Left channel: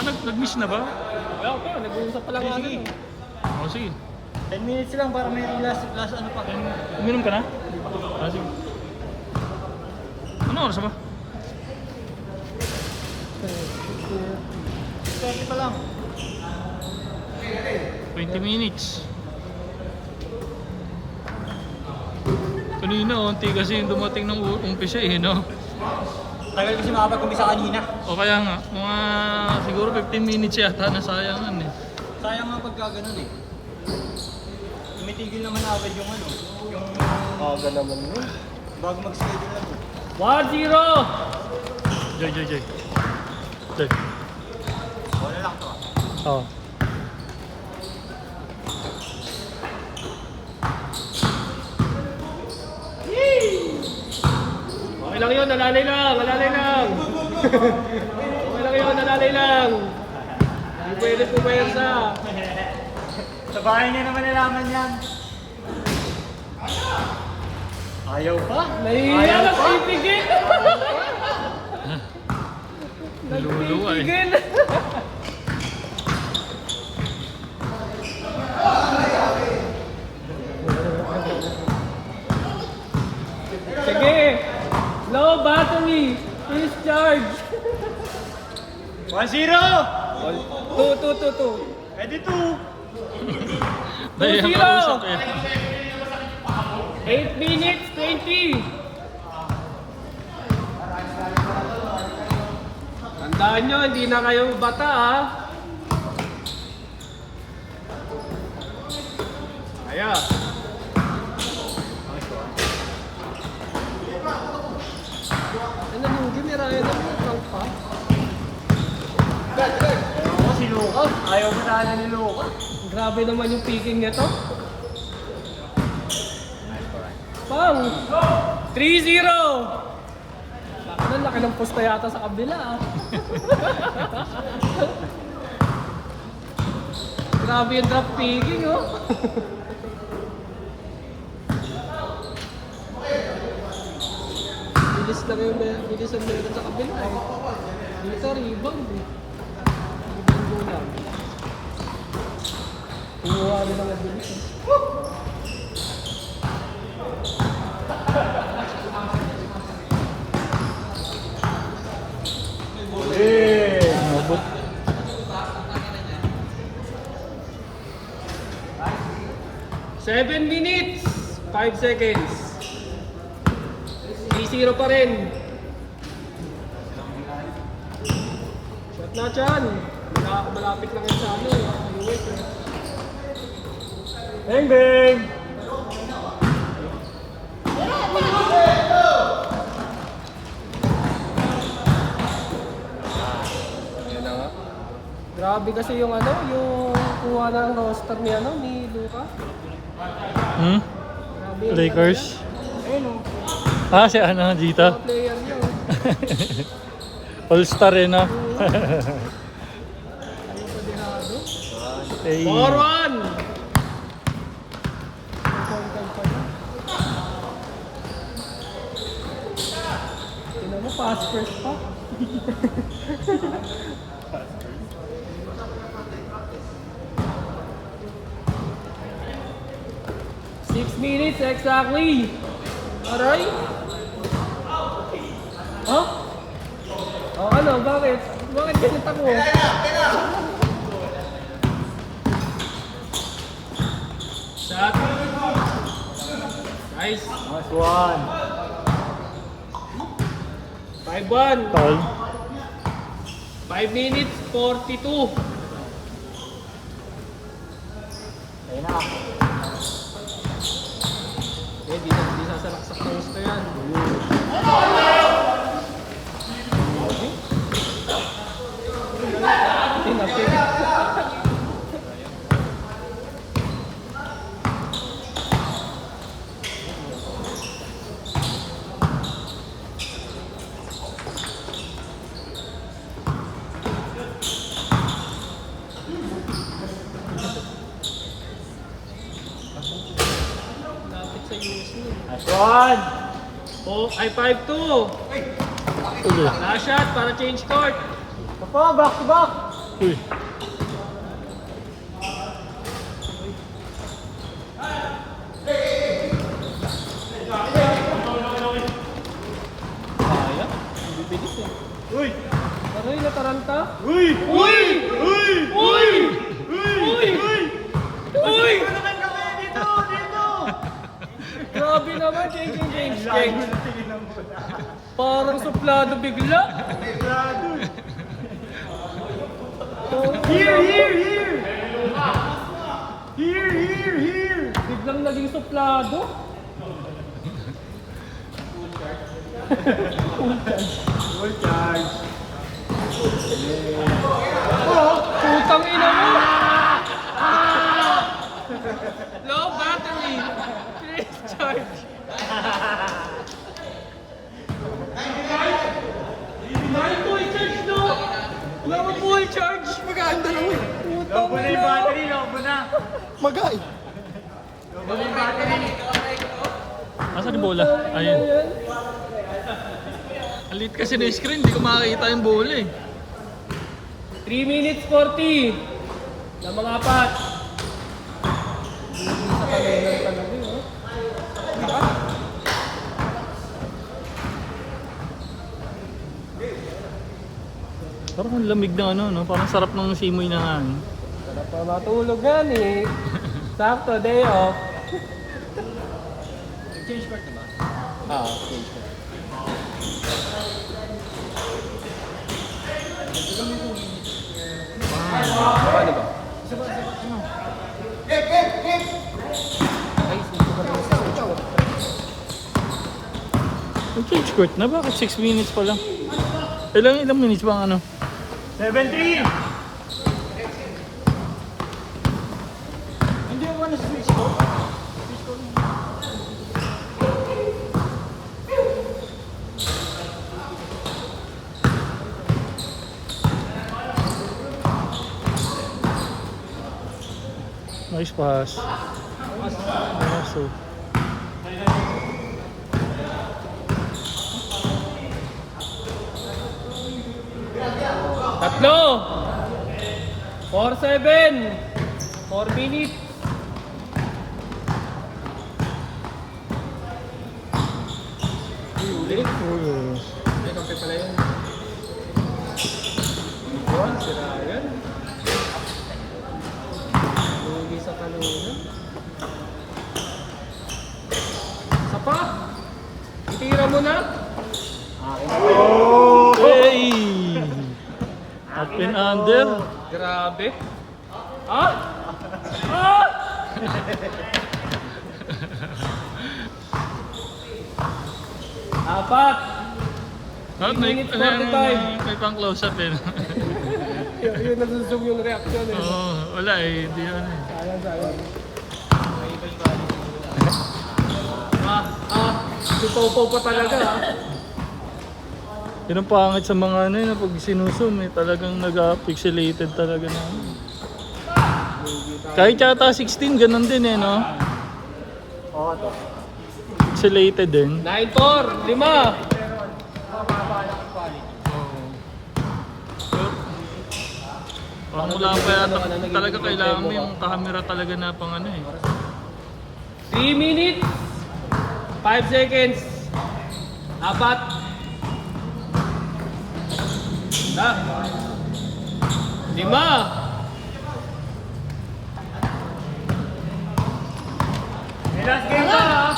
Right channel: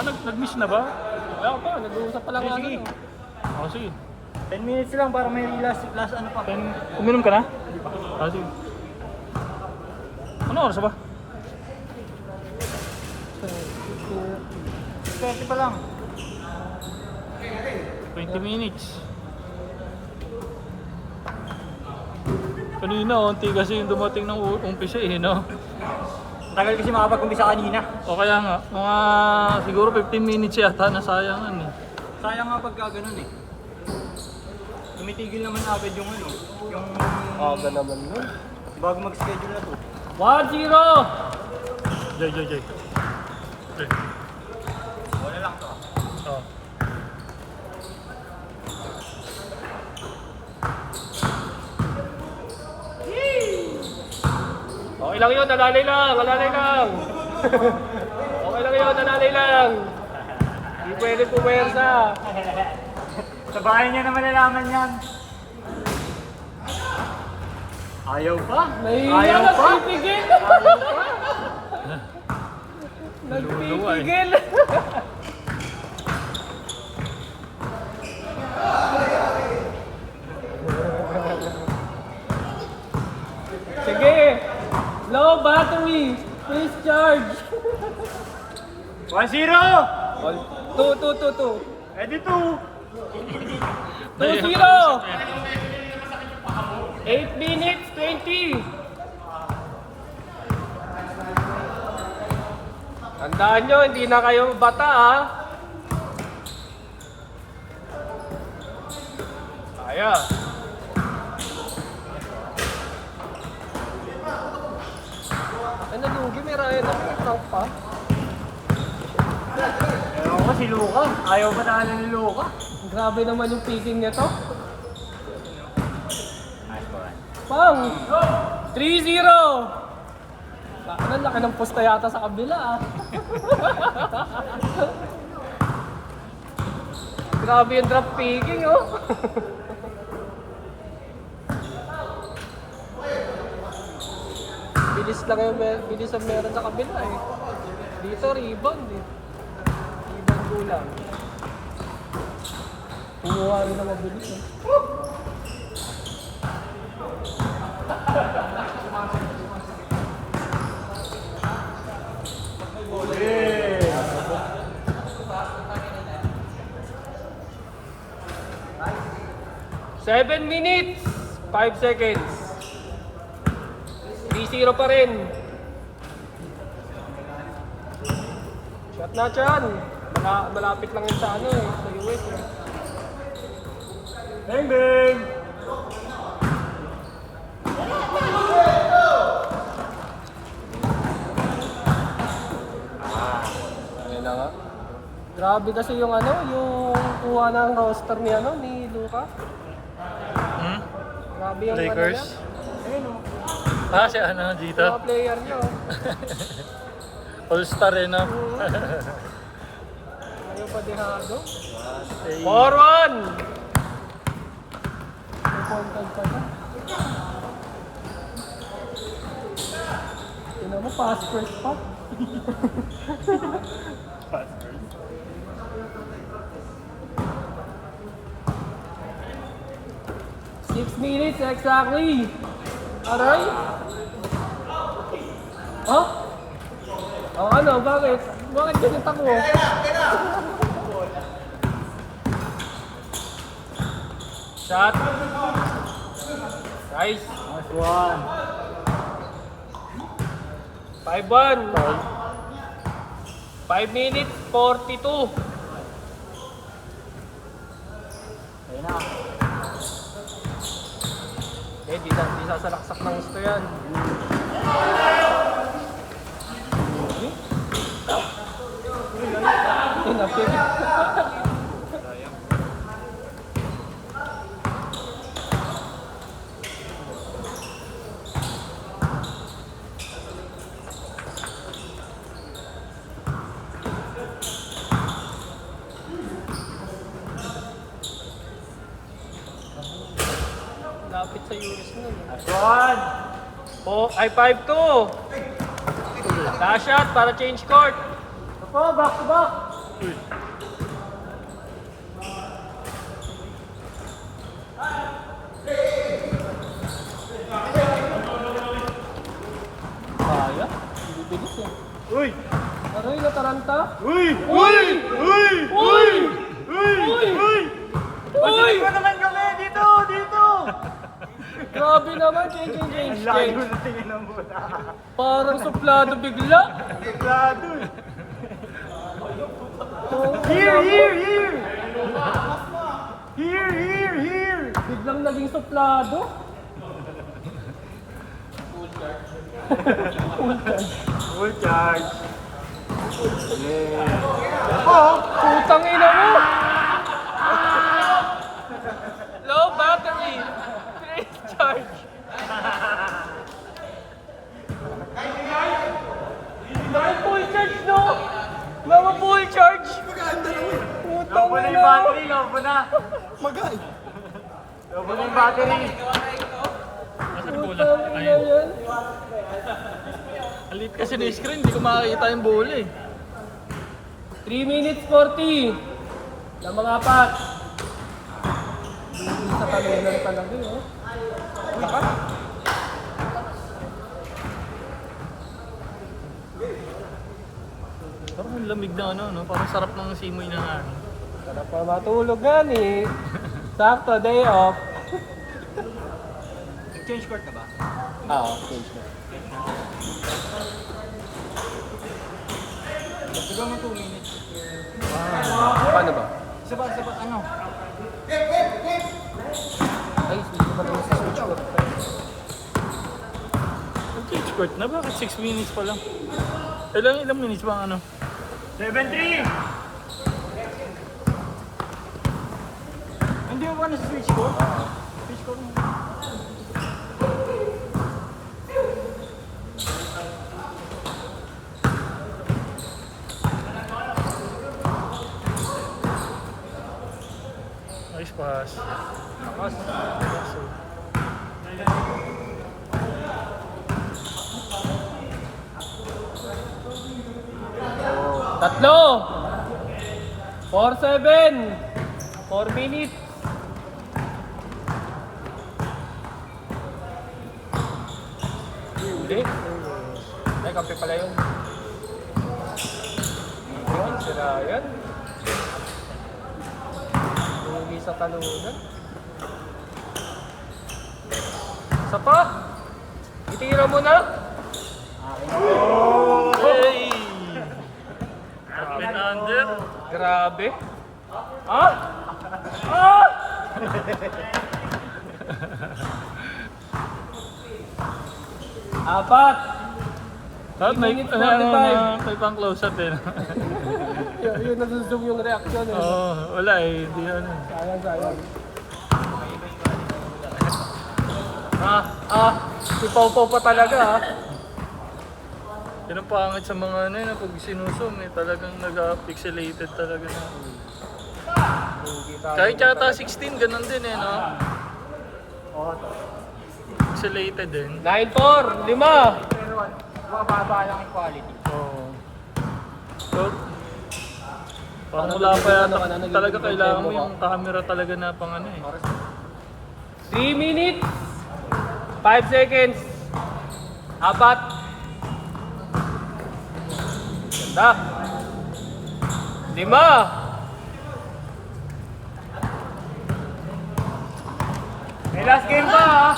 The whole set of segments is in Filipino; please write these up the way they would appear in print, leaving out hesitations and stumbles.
Nag-miss na ba? Wala pa, nag-uusap pa lang nga. Sige. Oo, sige. 10 minutes lang para may last ano pa. Uminom ka na? Sige. Ano oras ba? 20 pa lang. 20 minutes. Kanina, unti kasi yung dumating ng umpisa eh, no? Tagal kasi makapag-umpisa kanina. O kaya nga, mga siguro 15 minutes yata na sayangan eh. Sayang nga pagka ganun eh. Tumitigil naman agad yung ano. Yung Aga naman yun. bago mag-schedule na. Jay. Jay. Wala lang to. Oo. Okay lang yun, nalalay lang. Okay lang yun, nalalay lang. Hindi pwede puwersa. Sa bahay niya naman nalaman yan. Ayaw pa? Nahihiya, nagpipigil. Naluluwa eh. Nagpipigil. Sige. Low battery. Please charge. 1-0! 2. Pwede 2. Dahil ang 2-0. kausap eh. 8 minutes, 20. Tandaan nyo, hindi na kayo bata ha. Kaya. Ano yung gimera yun? Oo, si Luka. Ayaw pa sa kanya ni Luka. Grabe naman yung picking niya to. Pang! 3-0! Ano, laki ng posta yata sa kabila ah. Grabe yung drop picking oh. Bilis lang yung bilis ang meron sa kabila eh. Dito rebound eh. Kumuha rin na mabilis eh. Eh. 7 minutes, 5 seconds. 3-0 pa rin. Shot na dyan. Malapit lang yun sa ano. Bang bang! Yun na nga. Grabe kasi yung ano, yung kuha ng roster ni ano, ni Luka. Grabe yung Lakers? ano niya. Ayun oh. Ah, si ano dito? Mga player niya oh. All-star yun no? Ano pa dihado? Eh, Oron! Contact pa ba? Tingnan mo, pass first pa. Six minutes exactly. Aray? Huh? Oh, ano? Bakit? Bakit ganito mo? Shot. Nice. Last one. 5-1. okay. 5 minutes, 42. Ayun na. Hindi sasaraksak ng gusto yan. Tinapik. Lapit sa US na. Last one. Oh, ay 5-2. Last shot para change court. Ito, back to back. Uy. Kaya? Bibilis yan. Uy! Aray, nataranta? Uy! Uy! Uy! Uy! Uy! Uy! Uy! Ano naman kami? Dito! Dito! Grabe naman, change. Parang suplado bigla. Oh, Here! Here! Here! Here! Here! Here! biglang naging suplado. Full charge. Oh, putang ina mo. Low battery. Charge. Full charge no. Wala full charge. Maganda yun. Lobo na yung battery, lobo na. Magay. Lobo na yung battery. Nasaan yung bola? Ayun. Alit kasi na screen, hindi ko makakita yung bola eh. 3 minutes 40. Na mga apat. Hindi sa kalendar talaga eh. Oh. Parang ang lamig na ano, no? Parang sarap ng simoy na ano. Wala pa matulog yan eh. Sakto, day off. Change court na ba? Oo, change ko. Wow. Paano ba? Ay, dito ka lang sa switch ko. Ang change court na, bakit 6 minutes pa lang? Ilang minutes ba ang ano? 17! Hindi ko man na-switch ko. Nice pass. So, Tatlo! 4-7! 4 minutes! May kape pala yun. Yun, sinayan. Hindi sa kalunan. Isa pa? Tira mo na? hey! Up and under. Grabe. Ah? Ah? Apat. At may, 3 minutes 45. may pang close up eh. Yun nasuzoom yung reaction eh. Oo, wala eh. Hindi ano eh. Sayang. Ipaw-paw pa talaga ah. Yun ang pangit sa mga ano yun, pag sinusum eh, talagang nag-pixelated talaga. Kahit yata 16, ganun din eh, no? Pixelated din. 9-4, 5. Oo. So, parang wala pa yata, talaga kailangan mo yung camera talaga na pang ano eh. 3 minutes. 5 seconds. Apat. Da. 5. May last game ka ha?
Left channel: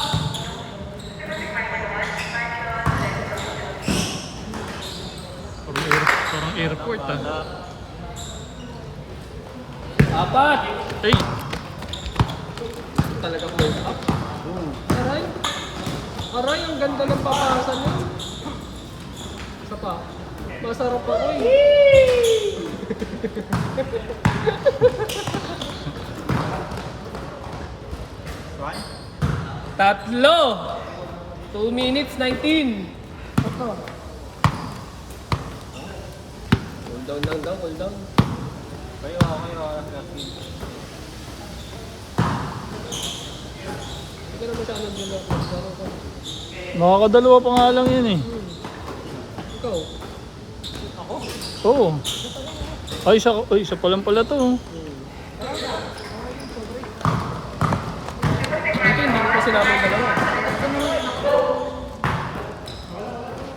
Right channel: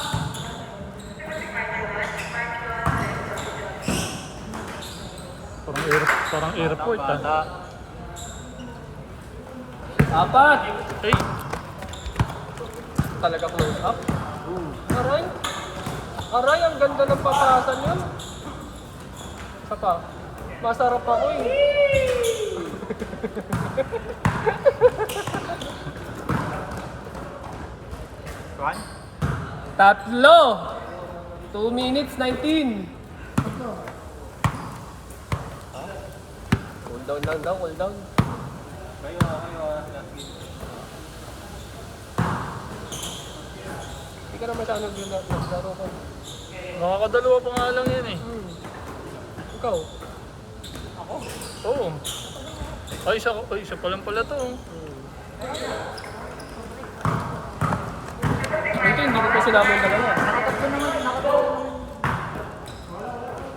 Parang airport ah. Apat. Hey! Talaga pull up. Aray. Aray, ang ganda ng papasan mo. Isa pa. Masarap pa rin. Tatlo. 2 minutes 19. Ito. Hold down, hold down. Kayo. Hindi ka na masyado dun. Makakadalawa pa nga lang yun eh. Ikaw. Oo. Ay, isa pa lang pala to. Oh. Dito hindi ko pa sinabi ang dalawa.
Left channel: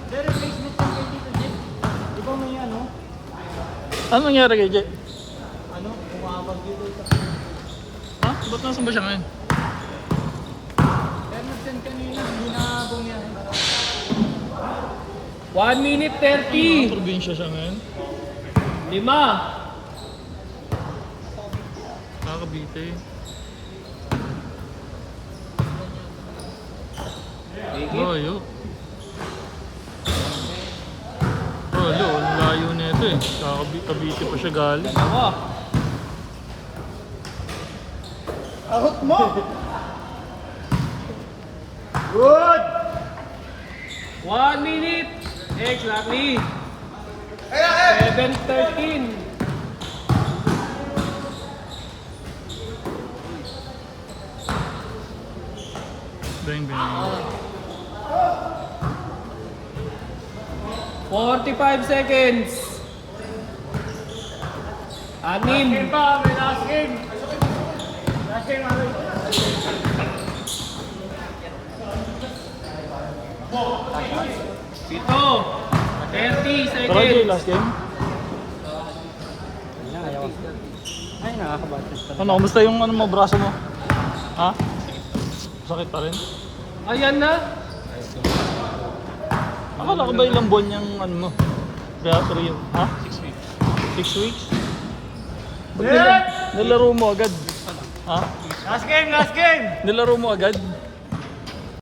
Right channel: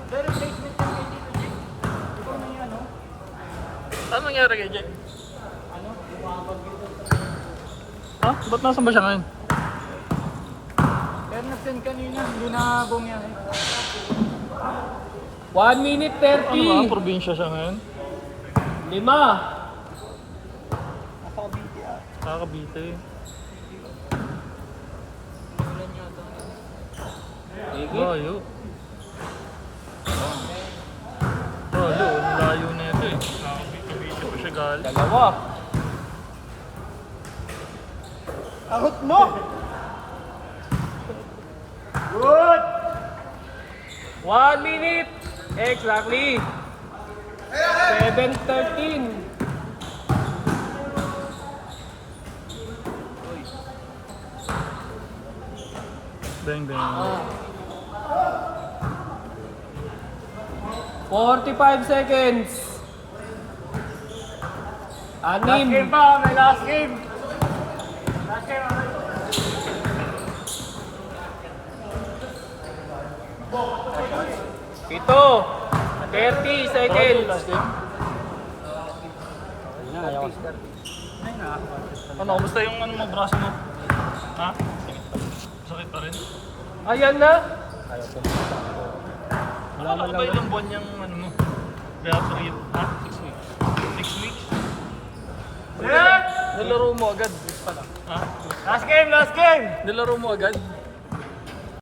Pero placement ng kay Tito Jake. Ikaw may ano? Ano nangyari kay Jay? Ano? Kumakaw dito. Ha? Ba't nasan ba siya ngayon? Kaya natin kanina, hindi na bumiyay. 1 minute Ano ba? 30. Probinsya siya ngayon? 5. Kakabite. Layo. Oh, lo, ang layo na ito eh. Kakabite pa siya galing. Ako. Ahot mo! Good! 1 minute. Exactly. 7:13. Bang, bang. 45 seconds. 6. Pa, may last game! Last game, ano? Ito. 30 Okay, seconds. last game. Ay, nga. Ano, kumusta yung ano mo, braso mo? Ha? Sakit pa rin? Ayan na. Akala ko ba ilang buwan yung ano mo? Real, ha? 6 weeks. 6 weeks? Set! Nilaro mo agad. Ha? Last game, last game! Nilaro mo agad.